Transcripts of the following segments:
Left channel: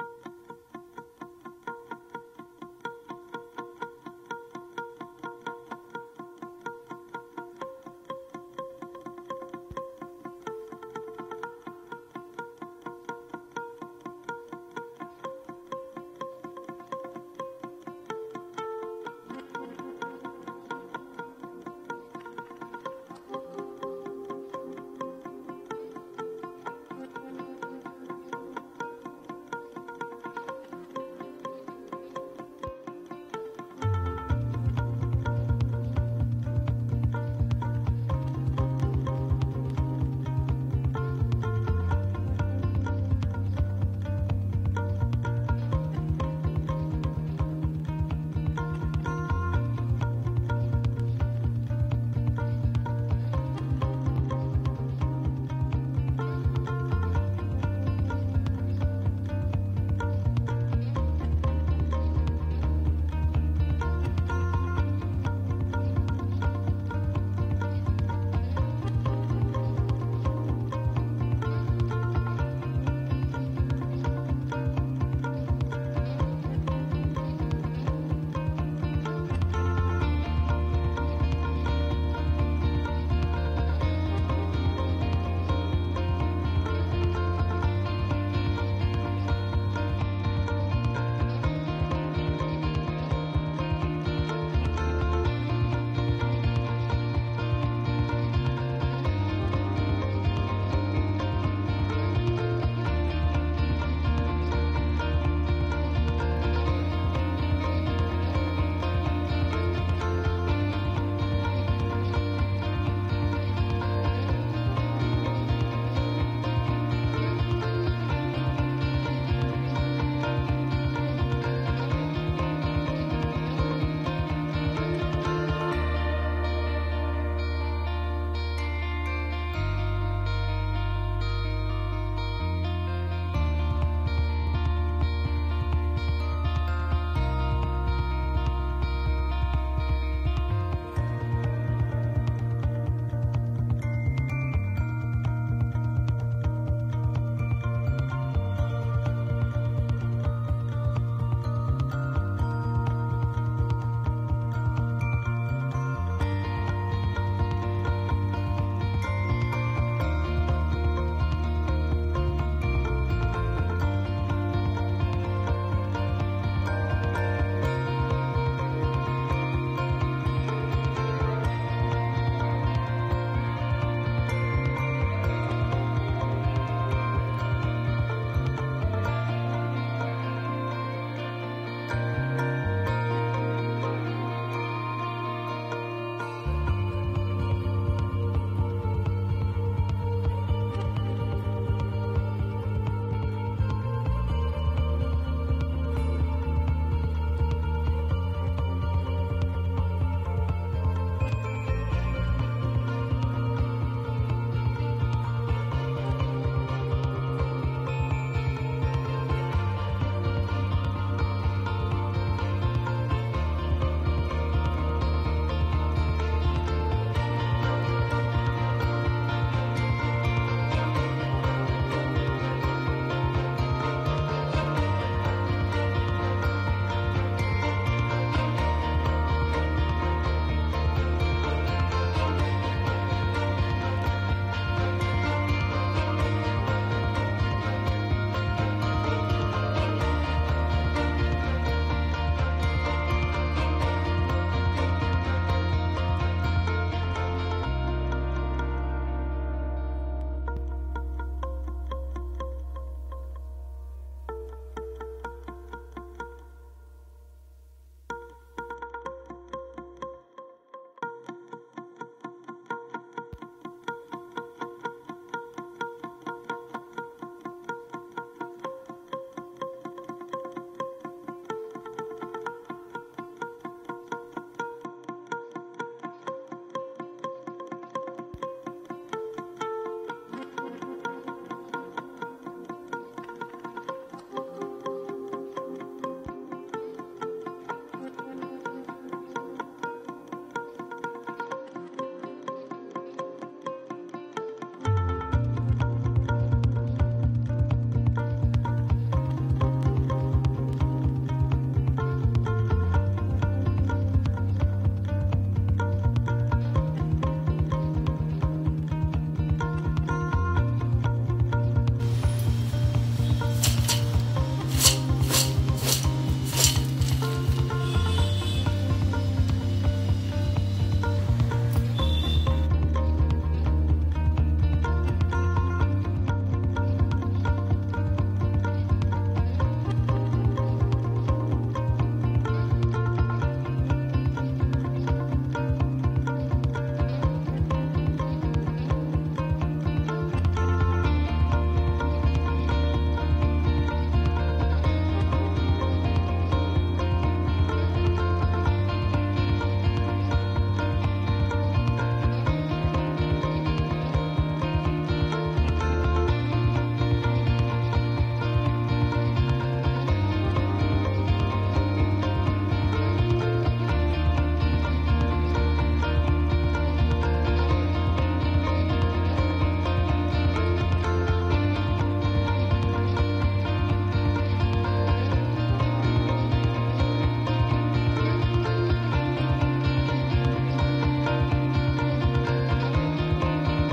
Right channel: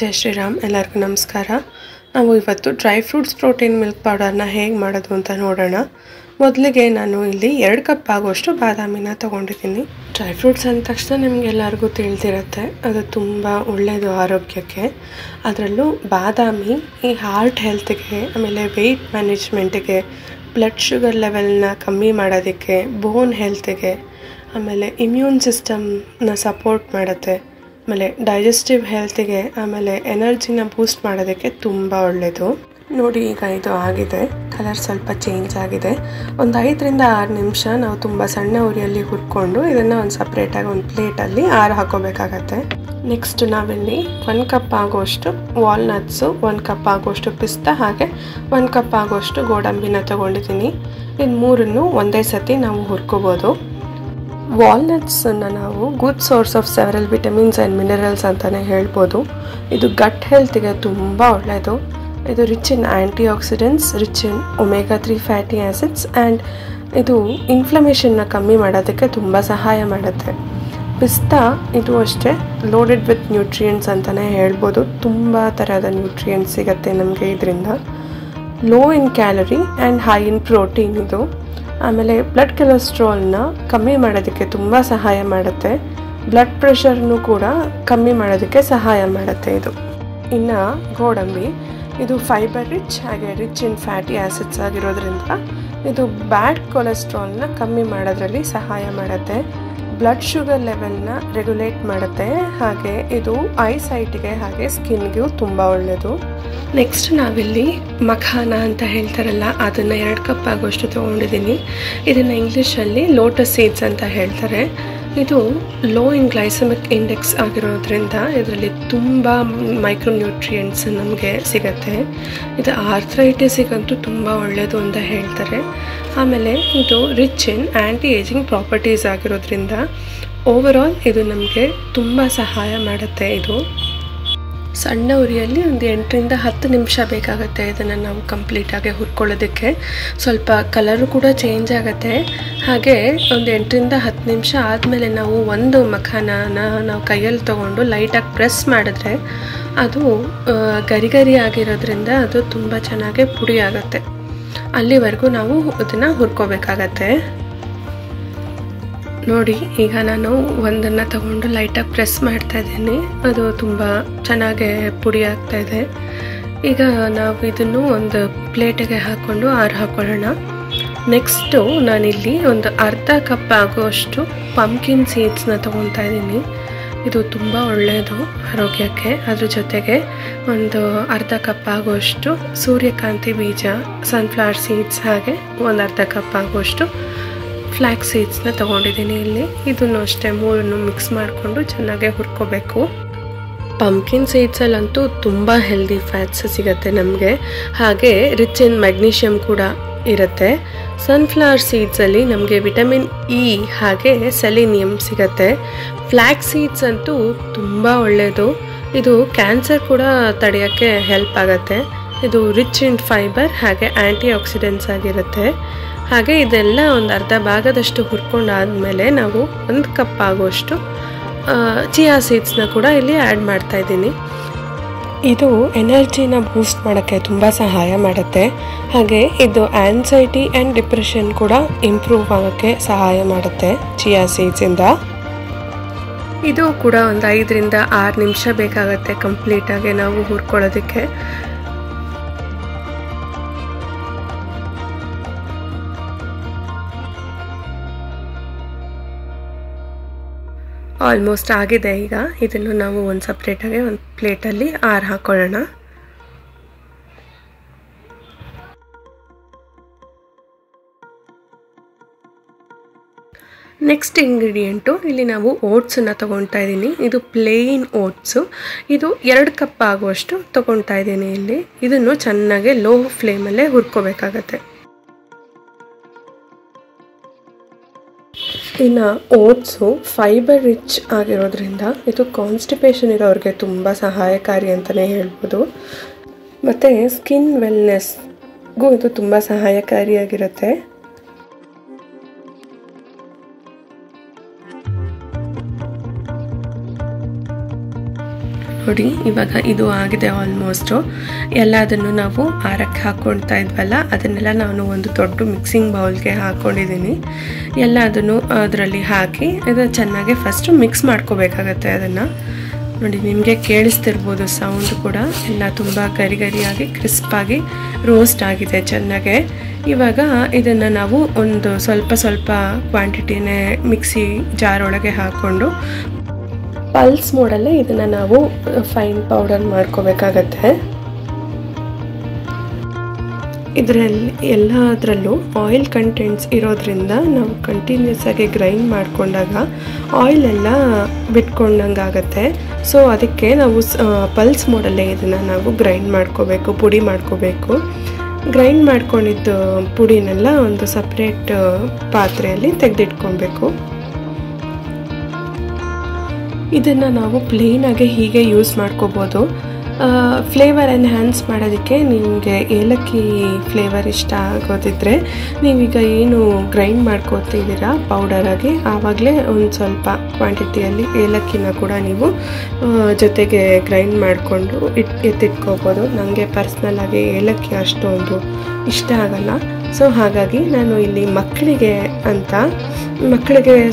ಜೈ ಶ್ರೀರಾಮ್. ಎಲ್ಲರಿಗೂ ನಮಸ್ಕಾರ. ನಾವು ಇವತ್ತು ಡ್ರೈ ಫ್ರೂಟ್ಸ್ ಪ್ರೋಟೀನ್ ಮಿಲ್ಕ್ ಪೌಡರ್ನ ಹೇಗೆ ಮಾಡೋದು ಅಂತ ನೋಡೋಣ. ಮೊದಲಿಗೆ ನಾನು ಇಲ್ಲಿ 2 ಕಪ್ ಆಗುವಷ್ಟು ಬಾದಾಮಿನ ತೊಗೊಂಡಿದ್ದೀನಿ. ಡ್ರೈ ಫ್ರೂಟ್ಸ್ ಅಂದ ತಕ್ಷಣ ನಿಮಗೆಲ್ಲರಿಗೂ ತಿಳಿದಿರುತ್ತೆ, ಅದು ತುಂಬ ಒಳ್ಳೆಯದು ಆರೋಗ್ಯಕ್ಕೆ. ಅದರಲ್ಲೂ ಬಾದಾಮಿ ಈ ಹಾರ್ಟ್ ಹೆಲ್ತ್ಗೆ, ಆಮೇಲೆ ವೆಯ್ಟ್ ಮ್ಯಾನೇಜ್ಮೆಂಟಿಗೆ, ಬ್ಲಡ್ ಶುಗರ್ ಲೆವೆಲ್ನ ಕಮ್ಮಿ ಮಾಡೋದಕ್ಕೆ, ಬೋನ್ ಹೆಲ್ತ್ಗೆ, ಆಮೇಲೆ ಇಮ್ಯೂನ್ ಸಿಸ್ಟಮ್ನ ಸಪೋರ್ಟ್ ಮಾಡುತ್ತೆ, ಆಮೇಲೆ ಡೈಜೆಸ್ಟಿವ್ ಹೆಲ್ತಿಗೆ, ಆಮೇಲೆ ಎನರ್ಜಿನ ಬೂಸ್ಟ್ ಮಾಡೋದಕ್ಕೆ ತುಂಬ ಒಳ್ಳೆಯದು. ನೋಡಿ, ಈಗ ಇದು ಆಗಿದೆ, ಕಲರ್ ಸ್ವಲ್ಪ ಚೇಂಜ್ ಆಗಿದೆ. ಒಂದು 5ರಿಂದ 6 ನಿಮಿಷ ನಾವು ತುಂಬ ಸಣ್ಣ ಉರಿಯಲ್ಲಿ ಹುರ್ಕೊಂಡು ಇದನ್ನು ಒಂದು ಸಪ್ರೇಟಾಗಿ ಒಂದು ಪ್ಲೇಟಲ್ಲಿ ಹಾಕೋಬೇಕಾಗತ್ತೆ. ನೆಕ್ಸ್ಟ್ ನಾವಿಲ್ಲಿ 1 ಕಪ್ ಆಗುವಷ್ಟು ವಾಲ್ನಟ್ಸು, 1 ಕಪ್ ಆಗುವಷ್ಟು ಪಿಸ್ತಾ, ಹಾಗೆ 1 ಕಪ್ ಆಗುವಷ್ಟು ಗೋಡಂಬಿನ ತೊಗೊಂಡಿದ್ದೀನಿ. ಇನ್ನು 3 ಒಂದೇ ಸತಿ ನಾವು ಹುರ್ಕೋಬೋದು. ವಾಲ್ನಟ್ಸನ್ನು ನಾವು good source of several vitamins and minerals ಅಂತಲೇ ಹೇಳ್ಬೋದು. ಇದು ಗಟ್ ಹೆಲ್ತಿಗೆ ತುಂಬ ಒಳ್ಳೆಯದು. ಇದು rich in anti accidents, rich in omega 3 fatty acids, and ಇದು ಇನ್ಫ್ಲಮೇಷನ್ನ ಕಮ್ಮಿ ಮಾಡೋದಕ್ಕೆ ತುಂಬ ಸಹಾಯ ಮಾಡುತ್ತೆ. ಪಿಸ್ತಾ ಇದು ಅಷ್ಟೇ ಲೋಡೆಡ್ ವಿತ್ ನ್ಯೂಟ್ರಿಯೆಂಟ್ಸ್ ಅಂತಲೇ ಹೇಳ್ಬೋದು. ತುಂಬ ಥರದ ನ್ಯೂಟ್ರಿಯೆಂಟ್ಸ್ ಸಿಗುತ್ತೆ ನಮಗೆ ಇದರಿಂದ. Low in calorie and high in protein ಇದು. ಆಮೇಲೆ ಬ್ಲಡ್ ಕೊಲೆಸ್ಟ್ರಾಲ್ನ ಕಮ್ಮಿ ಮಾಡೋದಕ್ಕೆ ತುಂಬ ಸಹಾಯ ಮಾಡುತ್ತೆ. ಬ್ಲಡ್ ಪ್ರೆಷರ್ನು ಕೂಡ ಕಮ್ಮಿ ಮಾಡೋದಕ್ಕೆ ಸಹಾಯ ಮಾಡುತ್ತೆ ಇದು. ಇನ್ನು ಗೋಡಂಬಿ ಇದು ಫೈಬರ್ ರಿಚ್, ಹಾಗೆ ರಿಚ್ ಇನ್ ಫ್ಯಾಟಿ ಆ್ಯಸಿಡ್ಸ್ ಆಗಿರೋದ್ರಿಂದ ಇದು ಬ್ಯಾಡ್ ಕೊಲೆಸ್ಟ್ರಾಲ್ನ ಕಮ್ಮಿ ಮಾಡೋದ್ರಲ್ಲಿ ಸಹಾಯ ಮಾಡುತ್ತೆ. ಬ್ಲಡ್ ಶುಗರ್ ಲೆವೆಲ್ನ ರೆಗ್ಯುಲೇಟ್ ಮಾಡುತ್ತೆ, ಹಾಗೆ ಇದು ಐಸೈಟ್ಗೆ ಹಾಗೆ ಸ್ಕಿನ್ಗೂ ತುಂಬ ಒಳ್ಳೆಯದು. ನೆಕ್ಸ್ಟ್ ನಾವಿಲ್ಲಿ ಮಖಾನ ಅಂತ ಹೇಳ್ತಾರಲ್ಲ, ಅದನ್ನು 2 ಕಪ್ ಆಗುವಷ್ಟು ತೊಗೊಂಡಿದ್ದೀನಿ. ಇದನ್ನು ಇಂಗ್ಲೀಷಲ್ಲಿ ಲೋಟಸ್ ಸೀಡ್ಸ್ ಅಂತ ಹೇಳ್ತಾರೆ. ಇದು ಲೋ ಇನ್ ಗ್ಲೈಸಮಿಕ್ ಇಂಡೆಕ್ಸ್ ಆಗಿರೋದ್ರಿಂದ ಇದರಲ್ಲಿ ತುಂಬ ಮೈಕ್ರೋನ್ಯೂಟ್ರಿಯೆಂಟ್ಸ್ ನಮಗೆ ಸಿಗುತ್ತೆ. ಇದು ಆರ್ಥ್ರೈಟಿಸಿಗಂತೂ ತುಂಬ ಒಳ್ಳೆಯದು ಅಂತ ಹೇಳ್ತಾರೆ. ಆಮೇಲೆ ಇದು rich in anti ageing properties ಆಗಿರೋದ್ರಿಂದ ಓವರಾಲ್ ಇದು ನಮಗೆ ತುಂಬ ಸಹಾಯ ಮಾಡುತ್ತೆ. ಇದು ಸಣ್ಣ ಉರಿಯಲ್ಲಿ ಒಂದು 8ರಿಂದ 10 ನಿಮಿಷ ಬೇಕಾಗುತ್ತೆ ಇದನ್ನು ನಾವು ಕಂಪ್ಲೀಟಾಗಿ ಹುರ್ಕೊಳ್ಳೋದಕ್ಕೆ. ಸ್ವಲ್ಪ ಕಲರು ಕೂಡ ಚೇಂಜ್ ಆಗುತ್ತೆ. ಹಾಗೆ ಒಂದು 8ರಿಂದ 10 ನಿಮಿಷ ಆದಮೇಲೆ ನಾವು ಒಂದು ಮಖಾನನ ನಾವು ಕೈಯಲ್ಲಿ ತೊಗೊಂಡು ಲೈಟಾಗಿ ಪ್ರೆಸ್ ಮಾಡಿದ್ರೆ ಅದು ಗರಿ ಆಗಿರೋದ್ರಿಂದ ಅದು ತುಂಬ ಚೆನ್ನಾಗಿ ಪುಡಿ ಆಗುತ್ತೆ. ಅಲ್ಲಿವರೆಗೂ ನಾವು ಅದನ್ನು ಹುರ್ಕೋಬೇಕಾಗತ್ತೆ. ನೋಡಿ, ಈಗ ನಾನು ಒಂದನ್ನು ತಗೊಂಡು ಲೈಟಾಗಿ ಪ್ರೆಸ್ ಮಾಡ್ತಾ ಇದ್ದೀನಿ. ಅದು ತುಂಬ ಚೆನ್ನಾಗಿ ಪುಡಿ ಆಗ್ತಾ ಇದೆ. ಈಗ ನಾವು ಇದನ್ನು ಒಂದು ಪ್ಲೇಟಿಗೆ ಹಾಕ್ಕೊಂಡು ಹಾಕೊಳ್ಳೋಣ. ನೆಕ್ಸ್ಟು ನಾನಿಲ್ಲಿ ಒಂದು ಅರ್ಧ ಕಪ್ ಆಗುವಷ್ಟು ಪಂಪ್ಕಿನ್ ಸೀಡ್ಸ್ನ ತೊಗೊತಾ ಇದ್ದೀನಿ. ಇದು ತುಂಬ ಒಳ್ಳೆಯದು ಆರೋಗ್ಯಕ್ಕೆ. ಅದ್ರ ಜೊತೆಗೆ ಒಂದು ಅರ್ಧ ಕಪ್ ಆಗುವಷ್ಟು ಸೂರ್ಯಕಾಂತಿ ಬೀಜ, ಸನ್ಫ್ಲವರ್ ಸೀಡ್ಸ್, ಹಾಗೆ ಒಂದು ಅರ್ಧ ಕಪ್ ಆಗುವಷ್ಟು ಫ್ಲ್ಯಾಕ್ಸ್ ಸೀಡ್ಸ್ನ ತೊಗೊಂಡಿದ್ದೀನಿ ಇಲ್ಲಿ. ಇದನ್ನು ಅಷ್ಟೇ 3 ಮಿಕ್ಸ್ ಮಾಡಿಕೊಂಡು ಚೆನ್ನಾಗಿ ಹುರ್ಕೋಬೇಕು. ಪಂಪ್ಕಿನ್ ಸೀಡ್ಸಲ್ಲಂತೂ ತುಂಬ ಹೆಲ್ದಿ ಫ್ಯಾಟ್ಸ್ ಸಿಗುತ್ತೆ ನಮಗೆ, ಹಾಗೆ ರಿಚ್ ಇನ್ ಮೆಗ್ನೀಷಿಯಮ್ ಕೂಡ ಇರುತ್ತೆ. ಸನ್ಫ್ಲವರ್ ಸೀಡ್ಸಲ್ಲಿ ನಮಗೆ ವಿಟಮಿನ್ ಇ ಹಾಗೆ ಸೆಲಿನಿಯಮ್ ಸಿಗುತ್ತೆ. ಫ್ಲ್ಯಾಕ್ಸ್ ಸೀಡ್ಸ್ ಅಂತೂ ತುಂಬ ಒಳ್ಳೆಯದು. ಇದು ಕ್ಯಾನ್ಸರ್ ಕೂಡ ತಡೆಯೋಕ್ಕೆ ಹೆಲ್ಪ್ ಆಗುತ್ತೆ. ಇದು ರಿಚ್ ಇನ್ ಫೈಬರ್ ಹಾಗೆ ಆ್ಯಂಟಿ ಆಕ್ಸಿಡೆಂಟ್ಸ್ ಆಗಿರುತ್ತೆ. ಹಾಗೆ ಇದೆಲ್ಲ ಒಂದು ಅರ್ಧ ಭಾಗದಷ್ಟು ಹುರ್ಕೊಂಡಾದಮೇಲೆ ನಾವು 1 ಕಪ್ ಆಗುವಷ್ಟು ಚಿಯಾ ಸೀಡ್ಸ್ನ ಕೂಡ ಇಲ್ಲಿ ಆ್ಯಡ್ ಮಾಡ್ತಾ ಇದ್ದೀನಿ. ಇದು ಎನರ್ಜಿನ ಬೂಸ್ಟ್ ಮಾಡೋಕ್ಕೆ ತುಂಬ ಸಹಾಯ ಮಾಡುತ್ತೆ. ಹಾಗೆ ಇದು ಆ್ಯನ್ಸೈಟಿ ಆ್ಯಂಡ್ ಡಿಪ್ರೆಷನ್ ಕೂಡ ಇಂಪ್ರೂವ್ ಆಗೋಕ್ಕೆ ಸಹಾಯ ಮಾಡುತ್ತೆ ಚಿಯಾ ಸೀಡ್ಸಿಂದ. ಇದು ಕೂಡ ಒಂದು 5ರಿಂದ 6 ನಿಮಿಷ ಬೇಕಾಗುತ್ತೆ ಕಂಪ್ಲೀಟಾಗಿ ನಾವು ಹುರ್ಕೊಳ್ಳೋದಕ್ಕೆ. ಆಲ್ಮೋಸ್ಟ್ ಆಗಿದೆ. ಈಗ ಇದನ್ನು ನಾವು ಒಂದು ಸಪ್ರೇಟಾಗಿ ಒಂದು ಪ್ಲೇಟಲ್ಲಿ ಹಾಕೊಳ್ಳೋಣ. ನೆಕ್ಸ್ಟ್ ಇಂಗ್ರೀಡಿಯೆಂಟು ಇಲ್ಲಿ ನಾವು ಓಟ್ಸನ್ನು ತೊಗೊತಾ ಇದ್ದೀನಿ. ಇದು ಪ್ಲೇನ್ ಓಟ್ಸು. ಇದು 2 ಕಪ್ ಆಗುವಷ್ಟು ತೊಗೊತಾ ಇದ್ದೀನಿ ಇಲ್ಲಿ. ಇದನ್ನು ಚೆನ್ನಾಗಿ ಲೋ ಫ್ಲೇಮಲ್ಲೇ ಹುರ್ಕೋಬೇಕಾಗತ್ತೆ. ಇನ್ನು ಓಟ್ಸು ಫೈಬರ್ ರಿಚ್ ಆಗಿರೋದ್ರಿಂದ ಇದು ಕಾನ್ಸ್ಟಿಪೇಷನ್ ಇರೋರಿಗೆ ತುಂಬ ಸಹಾಯಕಾರಿ ಅಂತಲೇ ಹೇಳ್ಬೋದು. ಮತ್ತು ಸ್ಕಿನ್ ವೆಲ್ನೆಸ್ಗೂ ಇದು ತುಂಬ ಸಹಾಯಕಾರಿಯಾಗಿರುತ್ತೆ. ನೋಡಿ ಇವಾಗ ಇದು ಆಗಿದೆ ಆಲ್ಮೋಸ್ಟು. ಎಲ್ಲದನ್ನು ನಾವು ಆರಕ್ಕೆ ಹಾಕ್ಕೊಳ್ತಾ ಇದ್ವಲ್ಲ ಅದನ್ನೆಲ್ಲ ನಾನು ಒಂದು ದೊಡ್ಡ ಮಿಕ್ಸಿಂಗ್ ಬೌಲ್ಗೆ ಹಾಕ್ಕೊಂಡಿದ್ದೀನಿ. ಎಲ್ಲದನ್ನು ಅದರಲ್ಲಿ ಹಾಕಿ ಇದನ್ನು ಚೆನ್ನಾಗಿ ಫಸ್ಟು ಮಿಕ್ಸ್ ಮಾಡ್ಕೋಬೇಕಾಗತ್ತೆ. ಅದನ್ನು ನೋಡಿ ನಿಮಗೆ ಕೇಳಿಸ್ತಿರ್ಬೋದು ಸೌಂಡ್ ಕೂಡ. ಎಲ್ಲ ತುಂಬ ಗರಿ ಗರಿಯಾಗಿ ಕ್ರಿಸ್ಪಾಗಿ ರೋಸ್ಟ್ ಆಗಿದೆ ಚೆನ್ನಾಗೆ. ಇವಾಗ ಇದನ್ನು ನಾವು ಒಂದು ಸ್ವಲ್ಪ ಕ್ವಾಂಟಿಟಿನೇ ಮಿಕ್ಸಿ ಜಾರ್ ಒಳಗೆ ಹಾಕ್ಕೊಂಡು ಪಲ್ಸ್ ಮೋಡಲ್ಲೇ ಇದನ್ನು ನಾವು ಫೈನ್ ಪೌಡರ್ ಮಾಡ್ಕೋಬೇಕಾಗತ್ತೆ. ಇದರಲ್ಲಿ ಎಲ್ಲದರಲ್ಲೂ ಆಯಿಲ್ ಕಂಟೆಂಟ್ಸ್ ಇರೋದ್ರಿಂದ ನಾವು ಕಂಟಿನ್ಯೂಸ್ ಆಗಿ ಗ್ರೈಂಡ್ ಮಾಡಿಕೊಂಡಾಗ ಆಯಿಲೆಲ್ಲ ಬಿಟ್ಕೊಂಡಂಗೆ ಆಗುತ್ತೆ. ಸೊ ಅದಕ್ಕೆ ನಾವು ಪಲ್ಸ್ ಮೋಡಲ್ಲೇ ಇದನ್ನು ನಾವು ಗ್ರೈಂಡ್ ಮಾಡ್ಕೋಬೇಕು, ಪುಡಿ ಮಾಡ್ಕೋಬೇಕು. ಗ್ರೈಂಡ್ ಮಾಡ್ಕೊಂಡಿದ್ದು ಪುಡಿನೆಲ್ಲ ಒಂದು ಸಪ್ರೇಟ್ ಪಾತ್ರೆಯಲ್ಲಿ ತೆಗೆದಿಟ್ಕೊಬೇಕು. ಇದನ್ನು ನಾವು ಪ್ಲೇನಾಗೆ ಹೀಗೆ ಯೂಸ್ ಮಾಡ್ಕೋಬೋದು. ಫ್ಲೇವರ್ ಎನ್ಹ್ಯಾನ್ಸ್ ಮಾಡೋದಕ್ಕೆ ನಿಮಗೆ ಏಲಕ್ಕಿ ಫ್ಲೇವರ್ ಇಷ್ಟ ಆಗೋದಿದ್ರೆ ನೀವೀಗ ಏನು ಗ್ರೈಂಡ್ ಮಾಡ್ಕೋತಿದ್ದೀರಾ ಪೌಡರಾಗಿ, ಆವಾಗಲೇ ಒಂದು ಸ್ವಲ್ಪ ಕ್ವಾಂಟಿಟಿಯಲ್ಲಿ ಏಲಕ್ಕಿನ ಕೂಡ ನೀವು ಜೊತೆಗೆ ಗ್ರೈಂಡ್ ಮಾಡಿಕೊಂಡು ಎತ್ತಿಟ್ಕೋಬೋದು. ನನಗೆ ಪರ್ಸ್ನಲಾಗಿ ಏಲಕ್ಕಿ ಅಷ್ಟೊಂದು ಇಷ್ಟ ಆಗಲ್ಲ. ಸೊ ಹಾಗಾಗಿ ನಾನು ಇಲ್ಲಿ ಮಕ್ಕಳಿಗೆ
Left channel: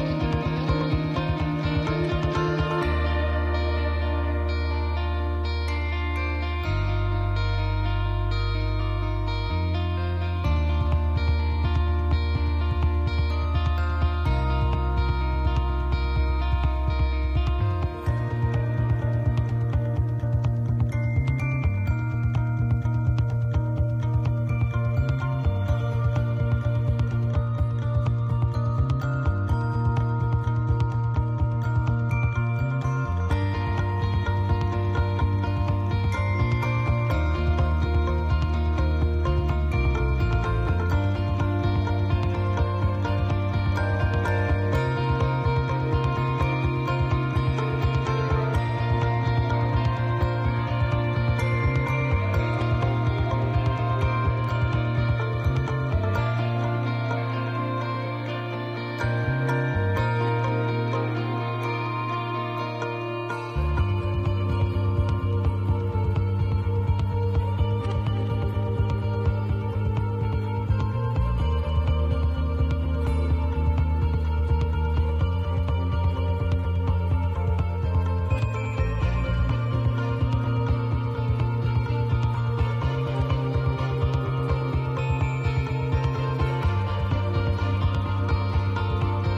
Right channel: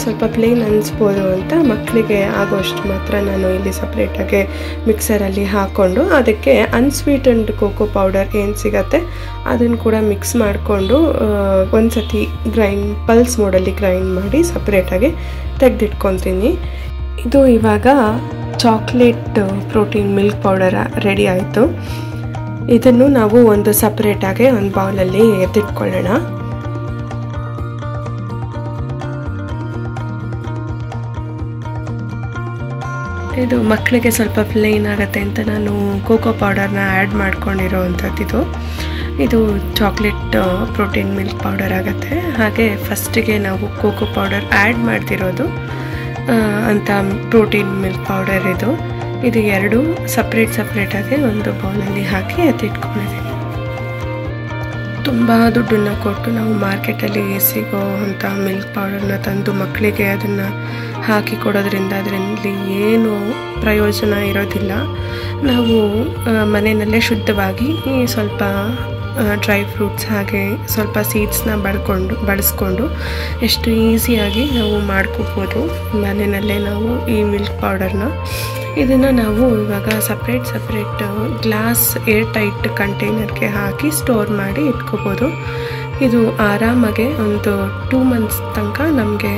ಸ್ವಲ್ಪ ಪ್ಲೇನ್ ಅನಿಸ್ಬೋದು ಅಂತ ಮಕ್ಕಳಿಗೆ ಆಗೋಷ್ಟು ಮಾತ್ರ ನಾನು ಇಲ್ಲಿ ಸಪ್ರೇಟಾಗಿ ಮಿಕ್ಸರಲ್ಲಿ ಹಾಕ್ಕೊಂಡು ಅದಕ್ಕೆ ಅನ್ಸ್ವೀಟೆಂಡ್ ಕೋಕೋ ಪೌಡರ್ ಏನು ಸಿಗತ್ತೆ ಅದನ್ನು ಕೂಡ ಮಿಕ್ಸ್ ಮಾಡಿಕೊಂಡು ಒಂದು ಸತಿ ಪಲ್ಸ್ ಮೋಡಲ್ಲಿ ಗ್ರೈಂಡ್ ಮಾಡಿ ಸಪ್ರೇಟಾಗಿ ತೆಗೆದಿಟ್ಕೊತೀನಿ. ಇದು ಇವಾಗ chocolate protein milk powder ready ಆಯಿತು. ಇದನ್ನು ನಾವು ಒಂದು ಸಪ್ರೇಟಾಗಿ ಒಂದು ಬೌಲಲ್ಲಿ ಎತ್ತಿಟ್ಕೊಳ್ಳೋಣ. ಇದು ಮಕ್ಕಳಿಗೆ ಸ್ವಲ್ಪ ಪ್ಲೇನ್ ಆಗುತ್ತೆ ಅಂತ ನಾನು ಕೋಕೋ ಪೌಡರ್ನ ಆ್ಯಡ್ ಮಾಡ್ಕೊಂಡಿರೋವಂಥದ್ದು. ಇದು ಚಾಕ್ಲೇಟ್ ಪ್ರೋಟೀನ್ ಮಿಲ್ಕ್ ಪೌಡರ್ ಆಗುತ್ತೆ. ಹಾಗೆ ಫಸ್ಟಿಗೆ ನಾವು ಕೋಕೋ ಪೌಡರ್ ಆ್ಯಡ್ ಮಾಡ್ತಿರೋದು ಅಂತ ಪ್ರೋಟೀನ್ ಮಿಲ್ಕ್ ಪೌಡರ್ ಇದು ಎರಡು ಸಪ್ರೇಟಾಗಿ ಒಂದು ಬೌಲಲ್ಲಿ ಹಾಕಿ ಎತ್ತಿಟ್ಕೊಂಡಿದ್ದೀನಿ. ತುಂಬ ದುಡ್ಡನ್ನು ಕೊಟ್ಟು ನಾವು ಮಾರ್ಕೆಟಲ್ಲಿ ಸಿಗೋ ಅಂಥ ಮಿಲ್ಕ್ ಪೌಡರ್ನ ತಂದು ಮಕ್ಕಳಿಗೆ ಅದನ್ನು ಹಾಕಿ ಕೊಡೋದ್ರಿಂದ ಅದರಲ್ಲಿ ಏನು ಪ್ರಯೋಜನ ಇರೋದಿಲ್ಲ. ನಾವು ಮನೆಯಲ್ಲೇ ಶುದ್ಧವಾಗಿ ಸ್ವಲ್ಪ ಡ್ರೈ ಫ್ರೂಟ್ಸ್ ಹಾಗೆ ಸ್ವಲ್ಪ ಸೀಡ್ಸ್ನ ಬಳಸ್ಕೊಂಡು ಎಷ್ಟು ಈಸಿಯಾಗಿ ನಾವು ಮಾಡ್ಕೋಬೋದು ಮನೆಯಲ್ಲೇ ನಾವು ಈ ಮಿಲ್ಕ್ ಪೌಡರ್ನ. ಇದನ್ನು ನಾವು ಇವಾಗ ಸಪ್ರೇಟ್ ಗ್ಲಾಸ್ ಏರ್ ಟೈಟ್ ಕಂಟೈನರ್ಗೆ ಹಾಕಿ ಸ್ಟೋರ್ ಮಾಡಿ ಇಟ್ಕೋಬೋದು. ಇದು ಆರಾಮಾಗೆ ಒಂದು 2 months ತನಕ ನಮಗೆ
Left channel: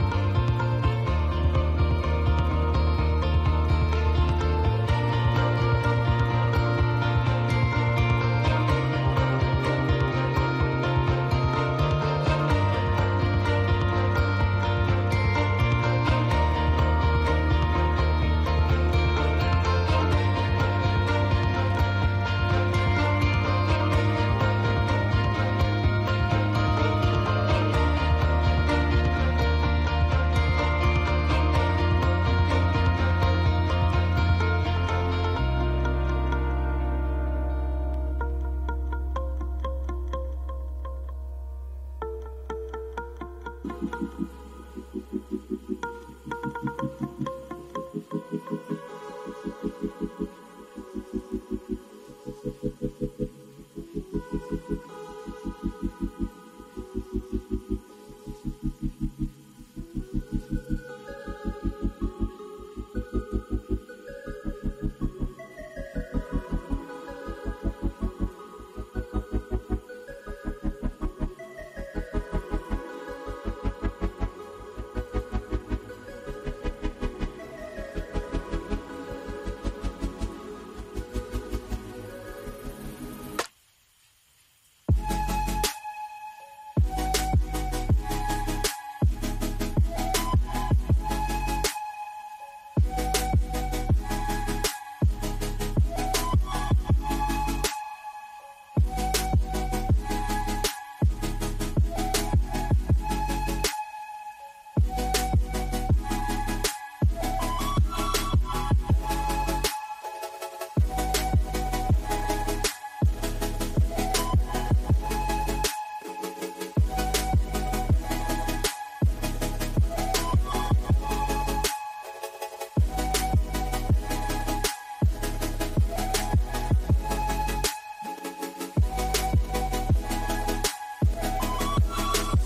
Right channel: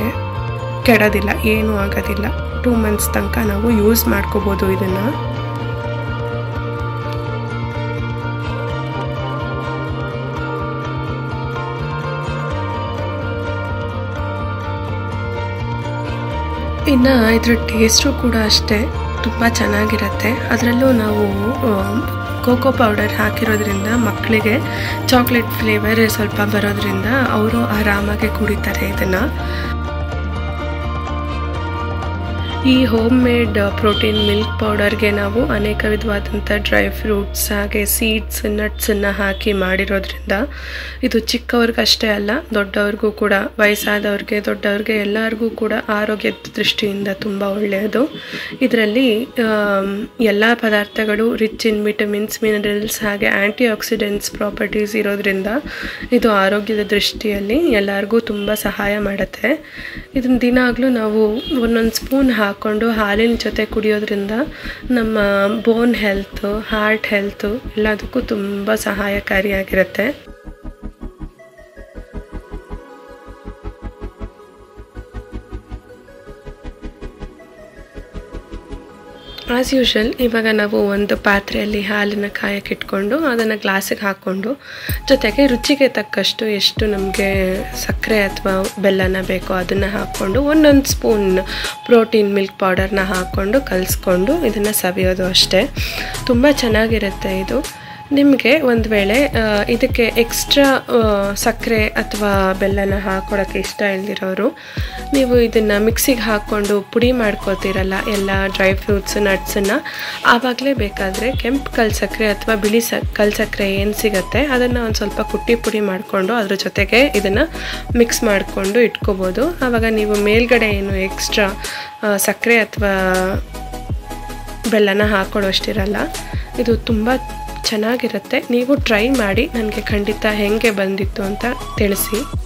ಕೆಡೋದಿಲ್ಲ, ಏನೂ ಆಗೋದಿಲ್ಲ. 2 months ತನಕ ನಾವು ಯೂಸ್ ಮಾಡ್ಕೋಬೋದು ಇದನ್ನು. ಇನ್ನು ಇದ್ರ ಟೇಸ್ಟು ಕೂಡ ಅಷ್ಟೇ ತುಂಬ ಚೆನ್ನಾಗಿರುತ್ತೆ. ಅದರಲ್ಲೂ ನಾವು ಕೋಕೋ ಪೌಡರ್ ಹಾಕಿರೋದ್ರಿಂದ ಮಕ್ಕಳಿಗೆ ಚಾಕ್ಲೇಟ್ ಫ್ಲೇವರ್ ಸ್ವಲ್ಪ ಬರೋದ್ರಿಂದ ಅವರು ಆರಾಮಾಗಿ ಕುಡಿತಾರೆ ಇದನ್ನು. ಈ ಹೋಮ್ ಮೇಡ್ ಪ್ರೋಟೀನ್ ಮಿಲ್ಕ್ ಪೌಡರ್ಗೆ ನಾವು ಅನೇಕ ವಿಧವಾದಂಥ ಡ್ರೈ ಫ್ರೂಟ್ಸ್ ಹಾಗೆ ಸೀಡ್ಸ್ ನಟ್ಸನ್ನು ಹಾಕಿ ಮಾಡಿರೋದ್ರಿಂದ ಇದು ಚಿಕ್ಕವ್ರಿಗಷ್ಟೇ ಅಲ್ಲ, ದೊಡ್ಡವ್ರಿಗೂ ಕೂಡ, ವಯಸ್ಸಾದವ್ರಿಗೆ ದೊಡ್ಡವ್ರಿಗೆ ಎಲ್ಲರಿಗೂ ಕೂಡ ಆರೋಗ್ಯದ ದೃಷ್ಟಿಯಿಂದ ತುಂಬ ಒಳ್ಳೆಯದು. ಇದರಲ್ಲಿ ಎಲ್ಲ ಪದಾರ್ಥಗಳು ರಿಚ್ ಇನ್ ವಿಟಮಿನ್ಸ್, ಮಿನರಲ್ಸ್ ಹಾಗೆ ಆ್ಯಂಟಿ ಆಕ್ಸಿಡೆಂಟ್ಸ್ ಪ್ರಾಪರ್ಟೀಸ್ ಇರೋದ್ರಿಂದ ಇದು ಆರೋಗ್ಯದ ದೃಷ್ಟಿಯಲ್ಲಿ ಎಲ್ಲರಿಗೂ ತುಂಬ ಸಹಾಯ ಮಾಡುತ್ತೆ. ಇದನ್ನು ದಿನಾಗಲೂ ನಾವು ಒಂದೊಂದು ಸ್ಪೂನ್ ಹಾಕ್ಕೊಂಡು ಹಾಲಿನ ಜೊತೆ ಕುಡಿಯೋದ್ರಿಂದ ನಮ್ಮ ಬೋನ್ ಹೆಲ್ತು, ಹಾರ್ಟ್ ಹೆಲ್ತು ಎಲ್ಲದಕ್ಕೂ ತುಂಬ ಸಹಾಯಕಾರಿಯಾಗಿರುತ್ತೆ. ಆ್ಯಸ್ ಯೂಶುವಲ್ ಇವಾಗ ನಾವು ಒಂದು ಪಾತ್ರೆಯಲ್ಲಿ ಹಾಲನ್ನು ಕಾಯಕ್ಕೆ ಇಟ್ಕೊಂಡು ಅದನ್ನು ಗ್ಲಾಸಿಗೆ ಹಾಕ್ಕೊಂಡು ಜೊತೆಗೆ ರುಚಿಗೆ ತಕ್ಕಷ್ಟು ಎಷ್ಟು ನಮಗೆ ಸಕ್ಕರೆ ಅಥವಾ ಬೆಲ್ಲನ ಬೇಕೋ ಅದನ್ನು ಹಾಕ್ಕೊಂಡು ಒಂದೊಂದು ಸ್ಪೂನ್ ಪ್ರೋಟೀನ್ ಮಿಲ್ಕ್ ಪೌಡರ್ನ ಹಾಕ್ಕೊಂಡು ಕಲಿಸ್ಕೊಂಡು ಇದನ್ನು ಸವಿಯೋದು ಅಷ್ಟೇ. ತುಂಬ ಚೆನ್ನಾಗಿರುತ್ತೆ ಇದು. ನಿಮಗೆ ಒಂದು ವೇಳೆ ಇದಕ್ಕೆ ಎಕ್ಸ್ಟ್ರಾ ಸಕ್ಕರೆ ಅಥವಾ ಬೆಲ್ಲನ ಹಾಕ್ಕೊಡೋಕ್ಕೆ ಇಷ್ಟ ಇಲ್ದಿರೋರು ನೀವು ಇದನ್ನು ಮಿಕ್ಸಿಗೆ ಹಾಕ್ಕೊಂಡು ಪುಡಿ ಮಾಡ್ಕೊತೀರಲ್ಲ ಎಲ್ಲ ಡ್ರೈ ಫ್ರೂಟ್ಸ್ ನಟ್ಸನ್ನು, ಆವಾಗಲೇ ಬೇಕಾದರೆ ಕೆಂಪು ಕಲ್ಸಕ್ಕರೆ ಅಥವಾ ಬಿಳಿ ಕಲ್ಸಕ್ಕರೆ ಏನು ಸಿಗುತ್ತೆ ಅದನ್ನು ಒಂದು ಸ್ವಲ್ಪ ಕುಟ್ಟಿ ಪುಡಿ ಮಾಡಿಕೊಂಡು ಅದ್ರ ಜೊತೆಗೆ ಇದನ್ನು ಮಿಕ್ಸ್ ಮಾಡಿಕೊಂಡು ಇಟ್ಕೋಬೋದು. ಆವಾಗ ನೀವು ಮೇಲ್ಗಡೆ ಏನು ಎಕ್ಸ್ಟ್ರಾ ಸಕ್ಕರೆ ಅಥವಾ ಬೆಲ್ಲನ ಹಾಕೊಳ್ಳೋಷ್ಟಿರಲ್ಲ. ಇದು ತುಂಬ ಚೆನ್ನಾಗಿರುತ್ತೆ. ನೀವು ಟ್ರೈ ಮಾಡಿ ನನಗೆ ಖಂಡಿತ ಹೇಗೆ ಬಂದಿತ್ತು ಅಂತ ತಿಳಿಸಿ.